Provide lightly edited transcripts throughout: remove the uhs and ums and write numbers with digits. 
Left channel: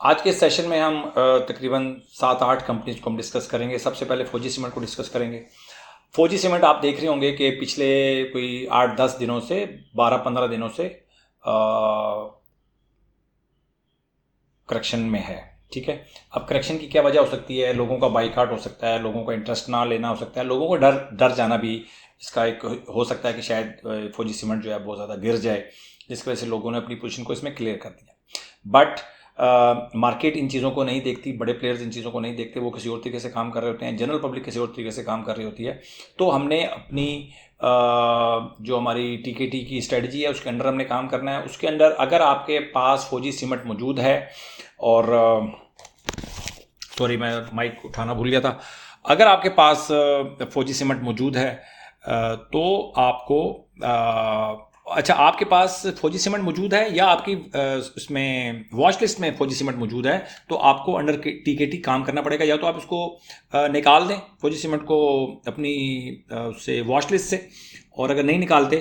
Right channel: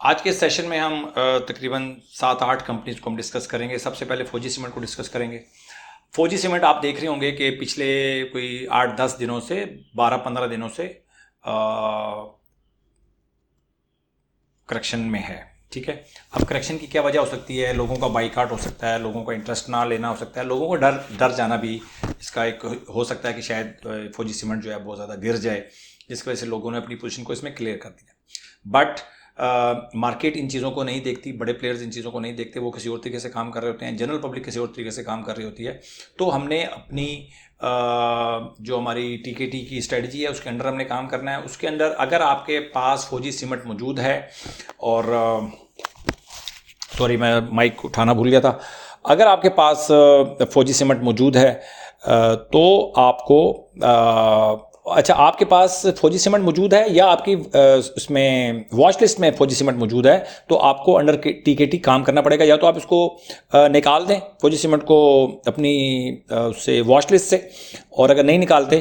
आज के सेशन में हम तकरीबन 7-8 कंपनीज को हम डिस्कस करेंगे। सबसे पहले फौजी सीमेंट को डिस्कस करेंगे। फौजी सीमेंट आप देख रहे होंगे कि पिछले कोई 8-10 दिनों से 12-15 दिनों से करेक्शन में है। ठीक है, अब करेक्शन की क्या वजह हो सकती है? लोगों का बाइकआउट हो सकता है, लोगों का इंटरेस्ट ना लेना हो सकता है, लोगों को डर डर जाना भी इसका एक हो सकता है कि शायद फौजी सीमेंट जो है बहुत ज़्यादा गिर जाए, जिसकी वजह से लोगों ने अपनी पोजीशन को इसमें क्लियर कर दिया। बट मार्केट इन चीज़ों को नहीं देखती, बड़े प्लेयर्स इन चीज़ों को नहीं देखते, वो किसी और तरीके से काम कर रहे होते हैं, जनरल पब्लिक किसी और तरीके से काम कर रही होती है। तो हमने अपनी जो हमारी टीकेटी की स्ट्रेटजी है उसके अंडर हमने काम करना है। उसके अंडर अगर आपके पास फौजी सीमेंट मौजूद है और सॉरी मैं माइक उठाना भूल गया था। अगर आपके पास फौजी सीमेंट मौजूद है तो आपको अच्छा, आपके पास फौजी सीमेंट मौजूद है या आपकी उसमें वॉच लिस्ट में फौजी सीमेंट मौजूद है, तो आपको अंडर टीकेटी काम करना पड़ेगा। या तो आप इसको निकाल दें फौजी सीमेंट को अपनी उससे वॉच लिस्ट से, और अगर नहीं निकालते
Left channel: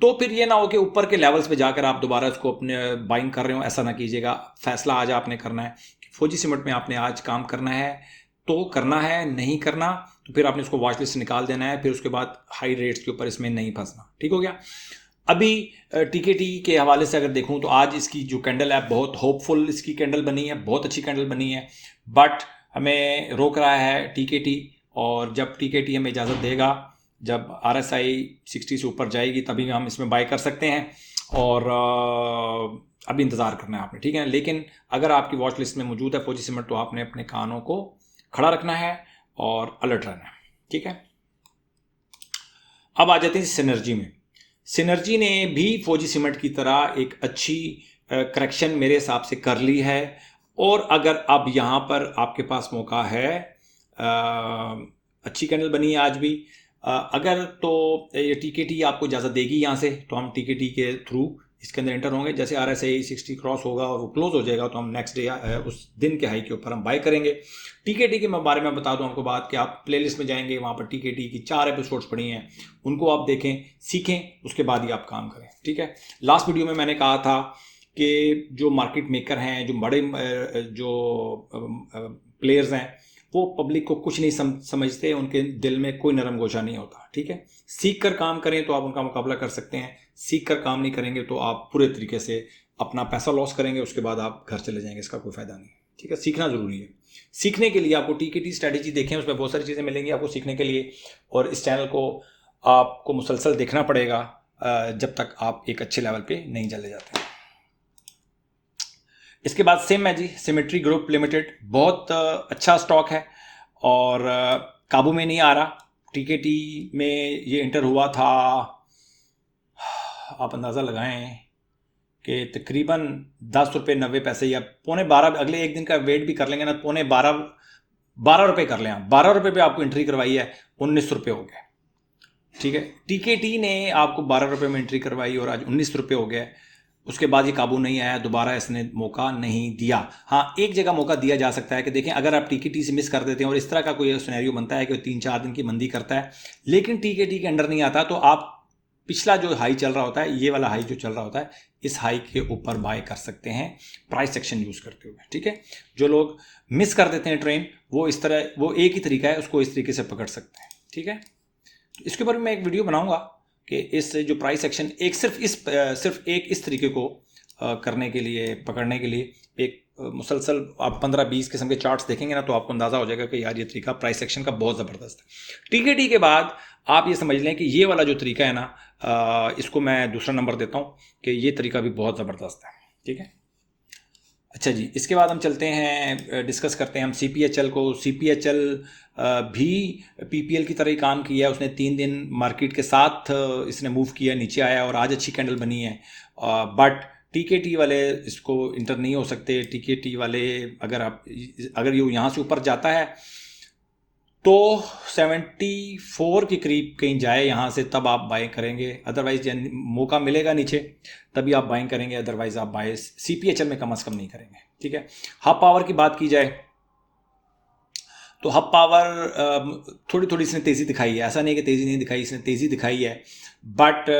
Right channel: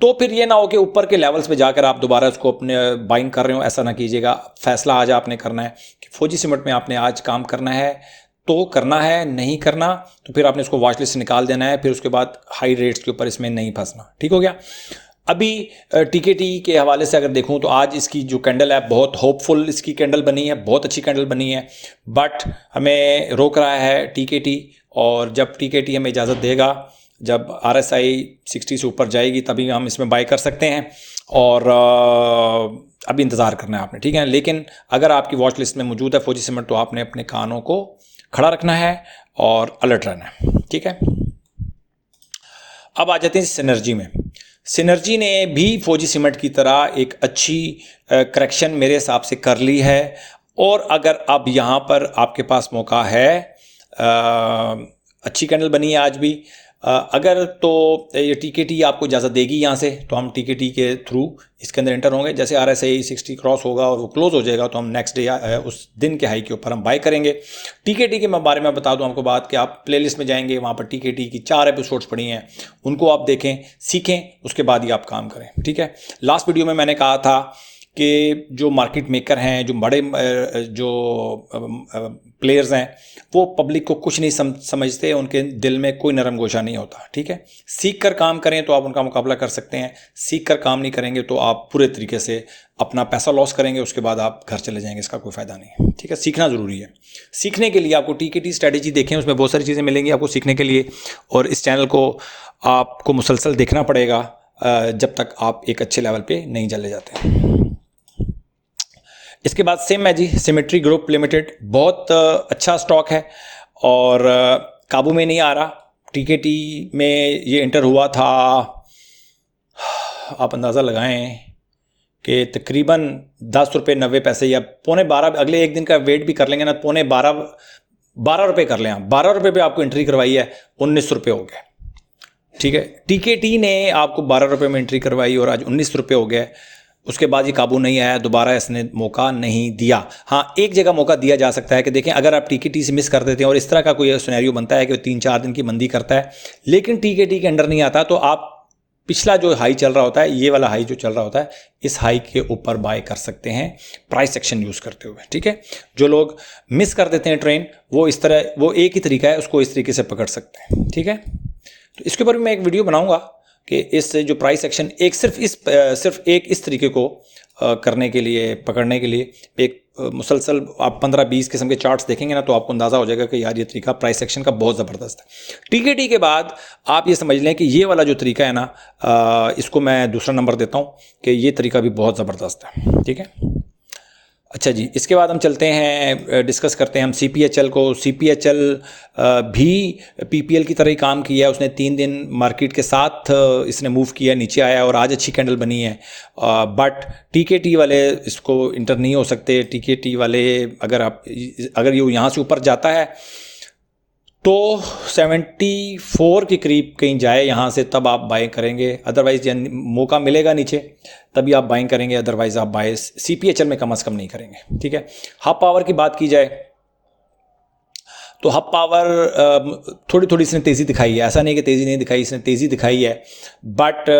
तो फिर ये ना हो कि ऊपर के लेवल्स पे जाकर आप दोबारा उसको अपने बाइंग कर रहे हो। ऐसा ना कीजिएगा। फैसला आज आपने करना है कि फौजी सीमेंट में आपने आज काम करना है तो करना है, नहीं करना तो फिर आपने उसको वॉच लिस्ट से निकाल देना है। फिर उसके बाद हाई रेट्स के ऊपर इसमें नहीं फंसना। ठीक हो गया। अभी टीकेटी के हवाले से अगर देखूं तो आज इसकी जो कैंडल है बहुत होपफुल इसकी कैंडल बनी है, बहुत अच्छी कैंडल बनी है। बट हमें रोक रहा है टीकेटी, और जब टीकेटी हमें इजाज़त देगा, जब RSI 60 से ऊपर जाएगी तभी हम इसमें बाय कर सकते हैं। और अभी इंतज़ार करना है आपने, ठीक है। लेकिन अगर आपकी वॉच लिस्ट में मौजूद है फौजी सीमेंट तो आपने अपने कानों को खड़ा रखना है और अलर्ट रहना है, ठीक है। अब आ जाते हैं सिनर्जी में। सिनर्जी ने भी फौजी सीमेंट की तरह एक अच्छी करेक्शन मेरे हिसाब से कर ली है। और अगर अब यहाँ पर आपके पास मौका है, अच्छी कैंडल बनी है आज भी। अगर तो ये टीकेटी आपको इजाज़त देगी यहाँ से, तो हम टीकेटी के थ्रू इसके अंदर एंटर होंगे। जैसे RSI 60 क्रॉस होगा और वो क्लोज हो जाएगा तो हम नेक्स्ट डे उस दिन के हाई के ऊपर हम बाय करेंगे। टीकेटी के बारे में बता दूं आपको बात कि आप प्लेलिस्ट में जाएंगे, वहाँ पर टीकेटी की 4 एपिसोड्स पड़ी हैं, उनको आप देखें, सीखें, उसके बाद ही आप काम करें, ठीक है। लास्ट वीडियो में मैंने कहा था कि जो मार्केट मेकर हैं, जो बड़े जो प्लेयर्स हैं, वो पब्लिक को कुछ नहीं समझते, उनके दिल में कोई नरम गोशा नहीं होता, ठीक है। सीख कर काम करें तो आप उनका मुकाबला कर सकते हैं। सीख कर काम नहीं करेंगे तो आप पूरे तरीके से अपना पैसा लॉस करेंगे, उसके बाद आप घर चले जाएंगे, इसका कोई फ़ायदा नहीं, ठीक है। सीखना ज़रूरी है। सीखने के लिए आपको टीकेटी स्ट्रैटेजी देखें, उसमें बहुत सारी चीज़ें मिलेंगी आपको सीखने के लिए। और इस चैनल को आपको मुसलसल देखना पड़ेगा जब तक आप एक अच्छे लेवल पे नहीं चले जाते। इसके बाद सेम है जी, सिमेट्री ग्रुप लिमिटेड, बहुत अच्छा स्टॉक है और काबू में नहीं आ रहा। टीकेटी में ये इंटर हुआ था, आप अंदाज़ा लगाएं कि तकरीबन 10 रुपये 90 पैसे या पौने 12, अगले एक दिन का वेट भी कर लेंगे ना, पौने 12 रुपये कर लें आप। 12 रुपये पे आपको एंट्री करवाई है, 19 रुपये हो गए, ठीक है। टीकेटी ने आपको 12 रुपये में एंट्री करवाई और आज 19 रुपये हो गए। उसके बाद ये काबू नहीं आया, दोबारा इसने मौका नहीं दिया। हाँ, एक जगह मौका दिया जा सकता है कि देखें अगर आप टीकेटी से मिस कर देते हैं और इस तरह का कोई सिनेरियो बनता है कि 3-4 दिन की मंदी करता है लेकिन टीकेटी के अंडर नहीं आता, तो आप पिछला जो हाई चल रहा होता है, ये वाला हाई जो चल रहा होता है, इस हाई के ऊपर बाय कर सकते हैं प्राइस एक्शन यूज़ करते हुए, ठीक है। जो लोग मिस कर देते हैं ट्रेन, वो इस तरह, वो एक ही तरीका है, उसको इस तरीके से पकड़ सकते हैं, ठीक है। तो इसके ऊपर मैं एक वीडियो बनाऊंगा कि इस जो प्राइस एक्शन एक सिर्फ एक इस तरीके को करने के लिए, पकड़ने के लिए एक मुसलसल आप 15-20 किस्म के चार्ट्स देखेंगे ना, तो आपको अंदाज़ा हो जाएगा कि यार ये तरीका प्राइस एक्शन का बहुत ज़बरदस्त है। टीकेटी के बाद आप ये समझ लें कि ये वाला जो तरीका है ना, इसको मैं दूसरा नंबर देता हूँ कि ये तरीका भी बहुत ज़बरदस्त है, ठीक है। अच्छा जी, इसके बाद हम चलते हैं, डिस्कस करते हैं हम CPHL को। CPHL भी PPL की तरह ही काम किया है। उसने 3 दिन मार्केट के साथ इसने मूव किया, नीचे आया और आज अच्छी कैंडल बनी है। बट टीकेटी वाले इसको इंटर नहीं हो सकते। टीकेटी वाले अगर ये यहाँ से ऊपर जाता है तो 74 के करीब कहीं जाए यहाँ से, तब आप बाइंग करेंगे। अदरवाइज मौका मिलेगा नीचे तभी आप बाइंग करेंगे, अदरवाइज आप बाय CPHL में कम से कम नहीं करेंगे, ठीक है। हाफ पावर की बात की जाए तो हब पावर थोड़ी थोड़ी इसने तेज़ी दिखाई है, ऐसा नहीं कि तेज़ी नहीं दिखाई, इसने तेज़ी दिखाई है, बट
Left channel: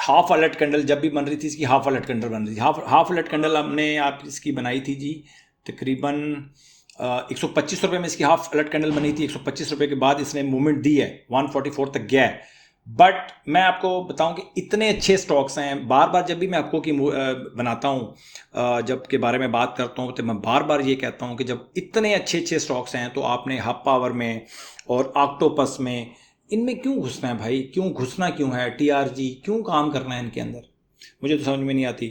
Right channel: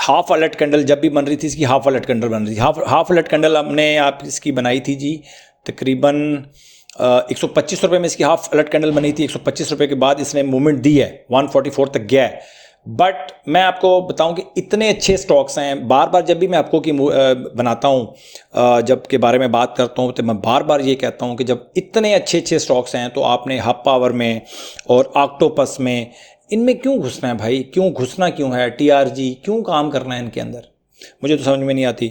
हाफ अलर्ट कैंडल जब भी बन रही थी इसकी हाफ अलर्ट कैंडल बन रही थी। हाफ अलर्ट कैंडल हमने आप इसकी बनाई थी जी तकरीबन 125 रुपये में इसकी हाफ अलर्ट कैंडल बनी थी। 125 रुपये के बाद इसने मूवमेंट दी है, 144 तक गया है। बट मैं आपको बताऊं कि इतने अच्छे स्टॉक्स हैं, बार बार जब भी मैं आपको की बनाता हूं, जब के बारे में बात करता हूं, तो मैं बार बार ये कहता हूं कि जब इतने अच्छे अच्छे स्टॉक्स हैं तो आपने हब पावर में और ऑक्टोपस में, इनमें क्यों घुसना है भाई? क्यों घुसना क्यों है? टीआरजी क्यों काम करना है इनके अंदर? मुझे तो समझ में नहीं आती।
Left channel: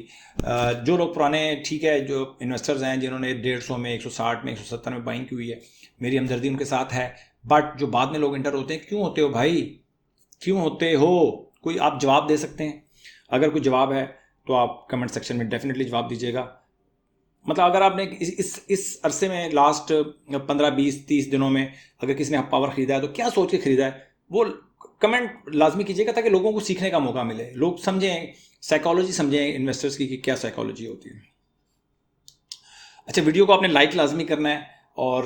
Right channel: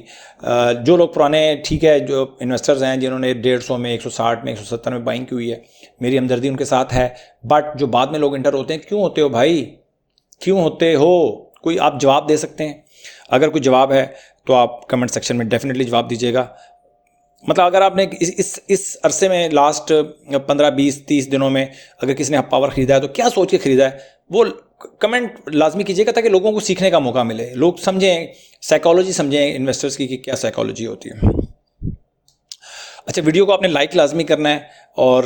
जो लोग पुराने, ठीक है, जो इन्वेस्टर्स हैं जिन्होंने 150 में, 160 में, 170 में बाइंग की हुई है, मेरी हमदर्दी उनके साथ है। बट जो बाद में लोग इंटर होते हैं, क्यों होते हो भाई? क्यों होते हो? कोई आप जवाब दे सकते हैं? अगर कोई जवाब है तो आप कमेंट सेक्शन में डेफिनेटली जवाब दीजिएगा। मतलब अगर आपने इस अरसे में लास्ट 15, 20, 30 दिनों में अगर किसी ने पावर ख़रीदा है तो क्या सोच के ख़रीदा है, वो कमेंट लाजमी कीजिएगा ताकि लोगों को सीखने का मौका मिले, लोग समझें, साइकोलॉजी समझें इन्वेस्टर्स की कि क्या साइकोलॉजी होती है। अच्छा, वीडियो को आपने लाइक लाजमी करना है और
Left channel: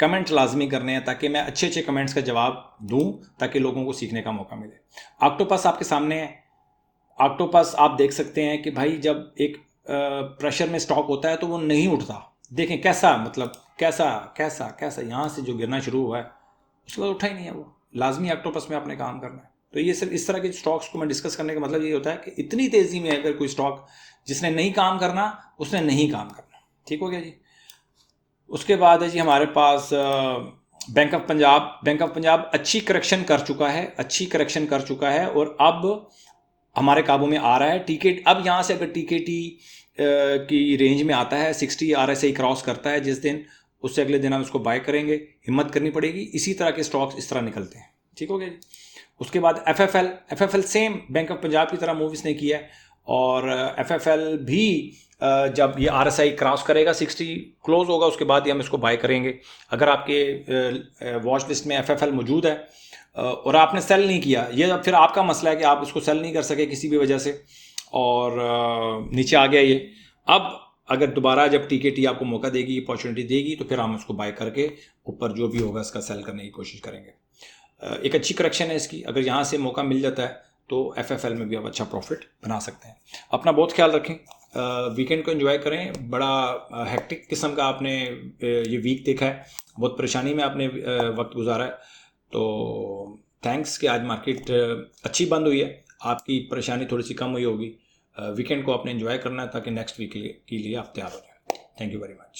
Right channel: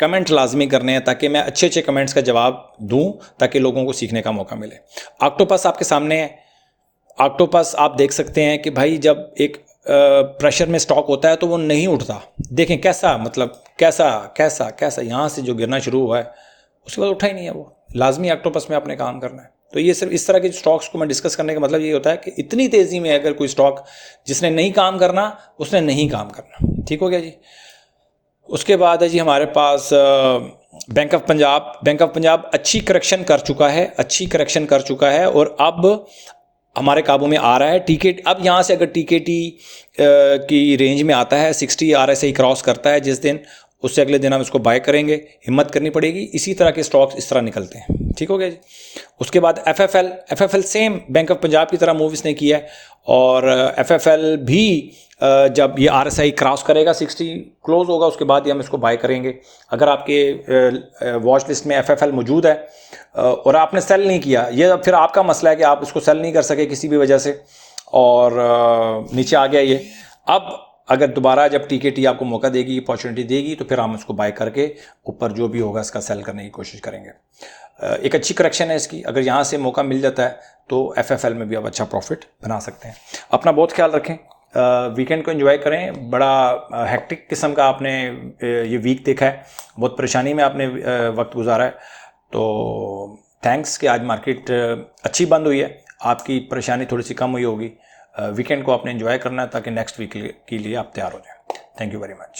कमेंट लाजमी करने हैं ताकि मैं अच्छे अच्छे कमेंट्स का जवाब दूं ताकि लोगों को सीखने का मौका मिले। ऑक्टोपस आपके सामने है। ऑक्टोपस आप देख सकते हैं कि भाई जब एक प्रेशर में स्टॉक होता है तो वो नहीं उठता। देखें कैसा, मतलब कैसा कैसा कैसा यहाँ से जो गिरना शुरू हुआ है उसके बाद उठा ही नहीं है वो। लाजमी ऑक्टोपस में आपने काम करना है। तो ये सिर्फ इस तरह के स्टॉक्स को मैं डिस्कस करने का मतलब ये होता है कि इतनी तेज़ी में अगर कोई स्टॉक जिसने नहीं काम करना उसने नहीं काम करना। ठीक हो गया जी। उसके बाद है जी हमारे पास bank of Punjab. Bank of Punjab अच्छी करेक्शन कर चुका है, अच्छी करेक्शन कर चुका है और अब हमारे काबू में आ रहा है। टीके अब यहाँ से अगर टीकेटी की रेंज में आता है, 60 RSI क्रॉस करता है जिस दिन, उससे अगले दिन हम इसको बाय करेंगे। हिम्मत करनी पड़ेगी, इसी तरह के स्टॉक्स इस तरह निकलते हैं। ठीक हो गया जी। उसके बाद FFL same bank of Punjab की तरह मूव इसने किया है और एफएफएल भी जब ये RSI क्रॉस करेगा, 60 क्लोज होगा, उसके बाद ही हम इसको बाय करेंगे। अगर आपके वॉच लिस्ट में एफएफएल मौजूद है और आपने सेल नहीं किया, ये अब फिर आपका मसला है कि आप इसको सेल नहीं कर सके किसी भी वजह से और नीचे आ गया ये। अब अगर दोबारा जब टीकेटी आपको मौका देगी, अपॉर्चुनिटी देगी, तो फिर हम उसको बाय करके ऊपर जो भी होगा इसका सेल करने की कोशिश करेंगे। एक अच्छी करेक्शन है इसकी, अगर यहाँ से मौका मिल जाता है तो एफएफएल में भी आप अच्छा प्रॉफिट बना सकते हैं। अपना बहुत ख्याल रखें, वीकेंड को एंजॉय करें। बड़ा हेक्टिक किस्म का आपने ये वीक देखा है, बहुत परेशानी में आपने वक्त गुजारा है। तो थैंक्स कि आज मार्केट अच्छी बंद हुई है, आपकी परेशानी थोड़ी सी कम हुई होगी। वीकेंड को आपने एंजॉय करना है ताकि नेक्स्ट वीक के लिए आप तैयार हो जाएं। Thank you very much.